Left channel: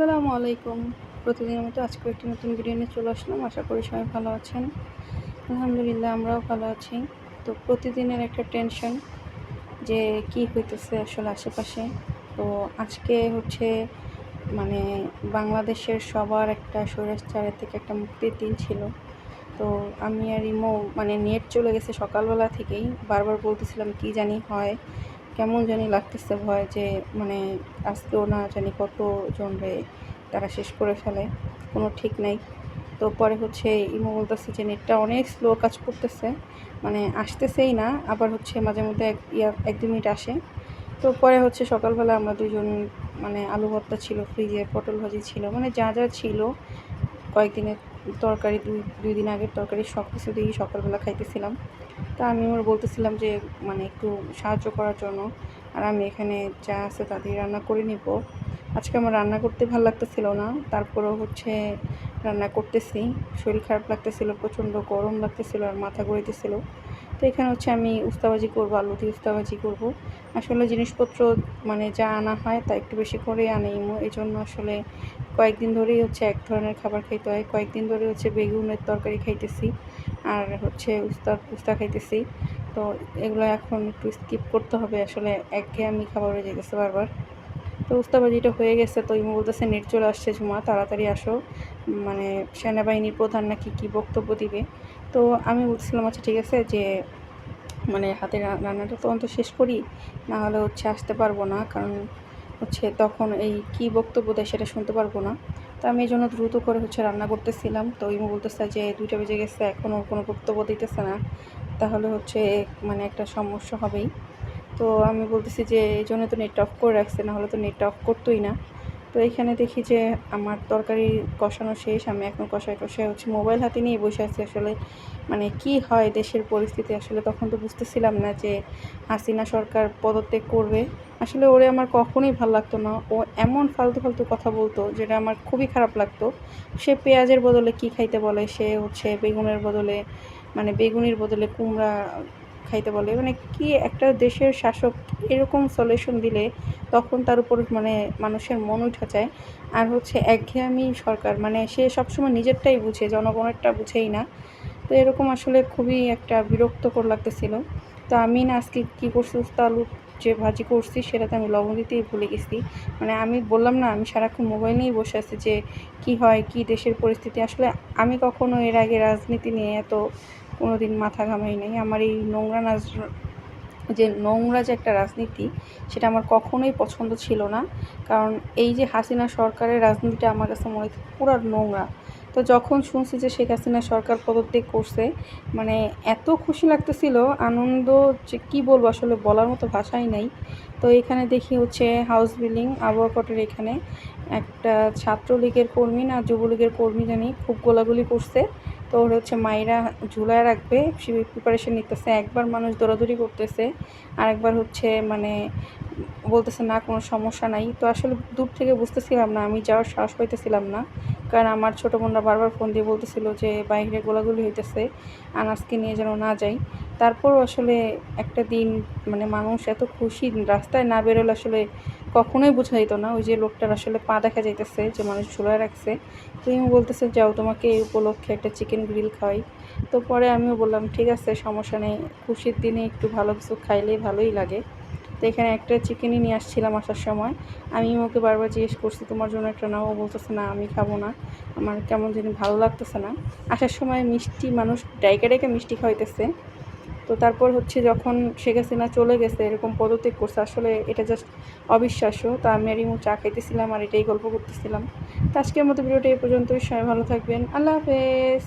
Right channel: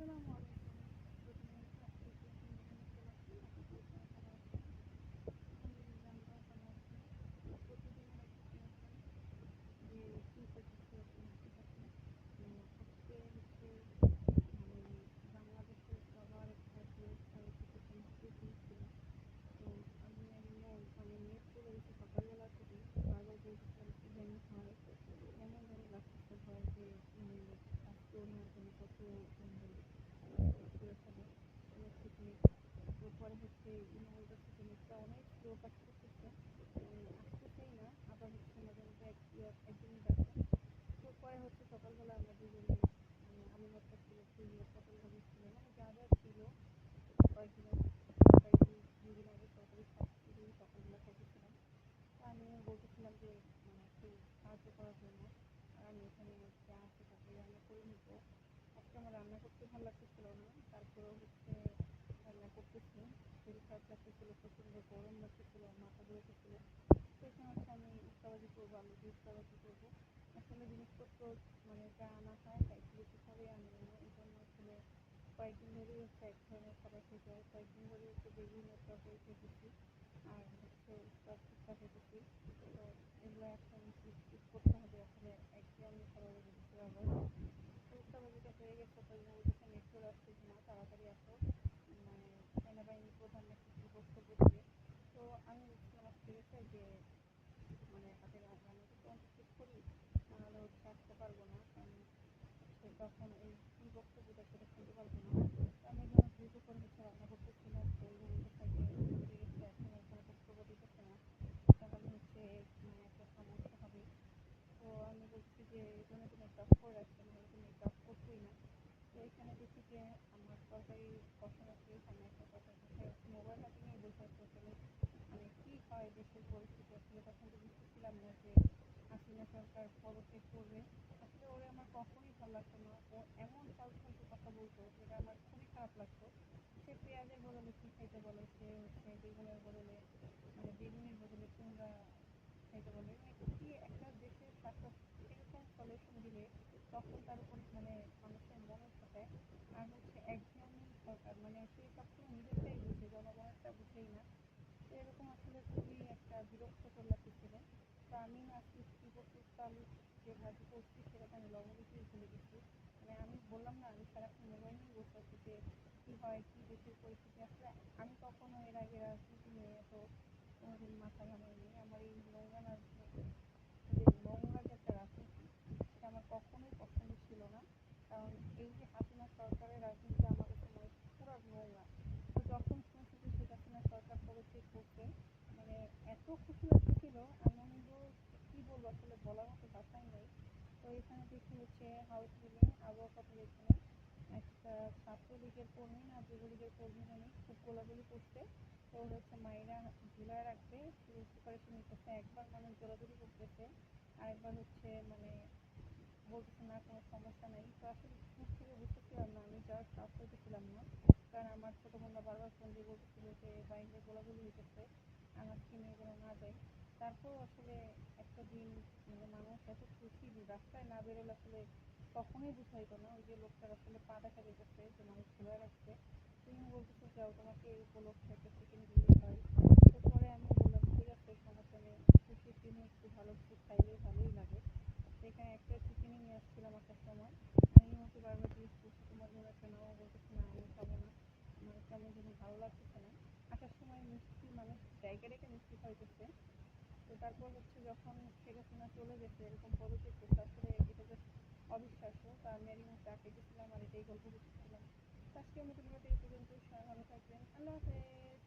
আসসালামু আলাইকুম। প্রতিদিনের মতো আজকে একটি নতুন ভিডিও নিয়ে চলে আসলাম। আশা করি সবাই ভালো আছেন। আলহামদুলিল্লাহ আমরাও ভালো আছি। তো প্রতিদিনের একটা টেনশন যে কি হইতেছে আসলে আশেপাশে। তো আজকে হচ্ছে মানে বাংলাদেশের সবার একটা স্বৈরাচারের থেকে একটা মুক্তির দিন ছিল। তো আমি আর ইমো মানে নেট চলে গেছে সকালবেলা থেকেই। বারবার বলতেছিলাম কি জানি হয়। কেমন জানি লাগতেছে ভয় যে মানে আজকেও না জানি কতজন রে তারা শেষ করে ফেলে, কোনো ঠিক নাই। তো পরে হচ্ছে ইমো বলতেছে যে, নেটটা অনেক স্লো কাজ করতেছে মানে আসতেছেই না, আবার হচ্ছে মাঝে মধ্যে এক এক দু মিনিট আসে। তো পরে হচ্ছে সকালবেলা আমরা দুজন মানে আলু ভর্তা ছিল, ফ্রিজে পটল ভাজি ছিল মানে যা যা ছিল, কয়েকদিনের তরকারি, দুই দুই দিন আগের তরকারি সব কিছু দিয়েই সকালবেলা খাইতেছিলাম। তা আমি ওর বলতেছিলাম যে মানে একটু সাহায্য করার জন্য। আর আমি এখানে যা আছে তা দিয়ে রান্না করে নিব। আজকে আমার রান্না করতে ভালো লাগতেছিল না। তারপরেও হচ্ছে রান্না করতেছি। শরীর খারাপ লাগতেছিল, প্রচণ্ড গরম লাগতেছিল আর মাথা ঘুরাইতেছিল তো এখানে হচ্ছে আমি উস্তাবাজি করব, আলু দিয়ে উস্তাবাজি করব। আসলে জিনিসপত্র মানে যা আনা হয় তা একটু বেশি করে আনে এই জন্য আসলে কয়েকদিন ধরেই হচ্ছে এক ধরনের খাবার খাইতে হয়। কয়েকদিন ধরে হচ্ছে বেগুনের তরকারি খাইতেছি। আর হচ্ছে উস্তা উস্তা খাইতেছি। তো এগুলো এখন একটু স্কিপ করতে হবে, আসলে একঘেয়েমি খাবার হয়ে যেতেছে বারবার। তো উস্তাবাজিটা হয়ে গেছে, তো ইমো বলতেছে, নেট চলে আসছে ঝুমা, তাড়াতাড়ি আসো। মানে সেনাবাহিনীর প্রধান নাকি কী বক্তব্য দিবে? তো আমি বলছিলাম আচ্ছা ঠিক আছে, যে মানে হাতে রান্নাটা তো অন্ত শেষ করি, না হলে হচ্ছে আসতে পারব না। কারণ হচ্ছে তখন এই কী বক্তব্য দেয় সেটা শুনতে পারব না। তো আমি এই জন্য দ্রুত করে হচ্ছে রান্না করতেছিলাম। তো ইমো বলতেছে যে দুইটা বেজে গেছে এখনও কোনো বক্তব্য দিতেছে না। তাহলে হচ্ছে মানে একটা সমস্যা হবেই। তো আমি বলতেছি যে এই জন্য তো নেট অফ করে রাখছে না হলে তো নেট অফ করতোই না। তো এখানে দেখি যে আমার তরকারি কষানো শেষ, আমি এখন কষায় কষায় হচ্ছে মোবাইল হাতে নিয়ে বসে আছি। আসলে মানে কি হয় দেশের পরিস্থিতি, আসলে তখন তো বুঝতেছিলাম না যে হাসিনা সরকার পদত্যাগ করবে। আসলে ওরে আমার কখনোই ভালো লাগতো না। ও এমন ফালতু ফালতু কথা বলতো যেটা আমার খুবই খারাপ লাগতো। সে পেঁয়াজের বদলে কি খাইতে বলে? সে হচ্ছে বেগুনের বদলে মানে বেগুনির বদলে কুমড়া খাইতে বলে। মানে কি একটা দেশের শাসক এরকম সলিউশন দিলে তখন তার উপর মানে মানুষের মন উঠা যায়। আর হচ্ছে একঘেয়েমি সরকার মানে সে সবসময় নিজেরটাই বুঝে, জনগণেরটা বুঝেই না। তো এরকম আসলে খুবই একটা বিরক্তকর লাগতেছিল। তো আমি না আজকে কী করছি আলু যে ভাজি করছি সেটাতে আমি লবণ দিতেই ভুলে গেছি। মানে আমি বললাম না, আমি সারাক্ষণ মোবাইল নিয়েই বসে আছি যে কি হয়, কি দেশের পরিস্থিতি। আসলে আমি কখনো এর আগে রাজনীতি নিয়ে এত কোনো দিন মাথা ঘামাই নাই। আমার এই নোংরা নাজ, যে নোংরা যে একটা রাজনীতি, সেটা আমার কখনোই পছন্দ ছিল না। কারণ এই যে হাসিনা সরকারের রাজনীতিটা আমার কাছে মনে হচ্ছে পুরো নোংরা। তো যখন শুনছি যে শেখ হাসিনা সরকার পদত্যাগ করছে মানে এত খুশি লাগতেছিল, আনন্দ যে কী বলব, আসলে বলার মতো ভাষাই নাই। তো এখানে দেখি হচ্ছে হাউস বিল্ডিং আবহাওয়া কোর্টের এখানে একটা ছাত্রলীগের কর্মী না যুবলীগের কর্মী জানি খুব গোলাগুলি করছে। তো ওর হচ্ছে মায়েরা ঝুলায় রাখবে প্রিপারেশন নিতেছে, একবার মানুষ দৌড়াদৌড়ি করতেছে, আরেকবার হচ্ছে মানে বলতেছে না, কোনো সমস্যা নাই। তো আসলে দূর থেকে বুঝতেছিলাম না, আমি যাওয়ার সাহস পাইতেছিলাম না। কারণ আমার ছোটো বোনরা বারবার ফোন দিয়ে বলতেছিল যে বাইরে গোলাগুলি হইতেছে, আনাজকে নিয়ে যেন না যাই। তারপর আসলে একটা দিন মানে মানুষ এত খুশি, রাস্তায় না বেরোলে আসলে কখনোই বোঝা যেত না। ওই যে লোকটার আসলে পা দেখা যাইতেছে, যে মানুষ ঝুলায় রাখছে। তুমি বলতেছে, যাও, তোমাকে এই উপলক্ষে একটা চিকেন গ্রিল খাওয়াই। তো পরে আমিও বললাম, ঠিক আছে, সমস্যা নেই। খুশির দিনে একটু ভালো কিছু খাইলেই ভালোই লাগে। তো এখানে একটা চিকেনই নিয়ে আসছিলাম আসার সময়। আমি ওকে বারবার জিজ্ঞেস করছি, তোমার জন্য একটা নাও? বলতেছে, না, আমি খাব না। আমার কেমন জানি ভালো লাগতেছে না। আসার সময় মিষ্টি মানুষ ডাইকা ডাইকা মিষ্টি খাওয়াইতেছে। তো তারপর হচ্ছে যখন শেখ হাসিনা চলে গেছে, এরকম পদত্যাগ করছে, আসলে এটা জাস্ট অবিশ্বাস্য। তো আমি আর ইমু চা খাইতেছিলাম আর এটাই গল্প করতেছিলাম। তো আজকের মতো ভিডিওটা এই পর্যন্তই। সবাই ভালো থাকবেন। আল্লাহ হাফেজ।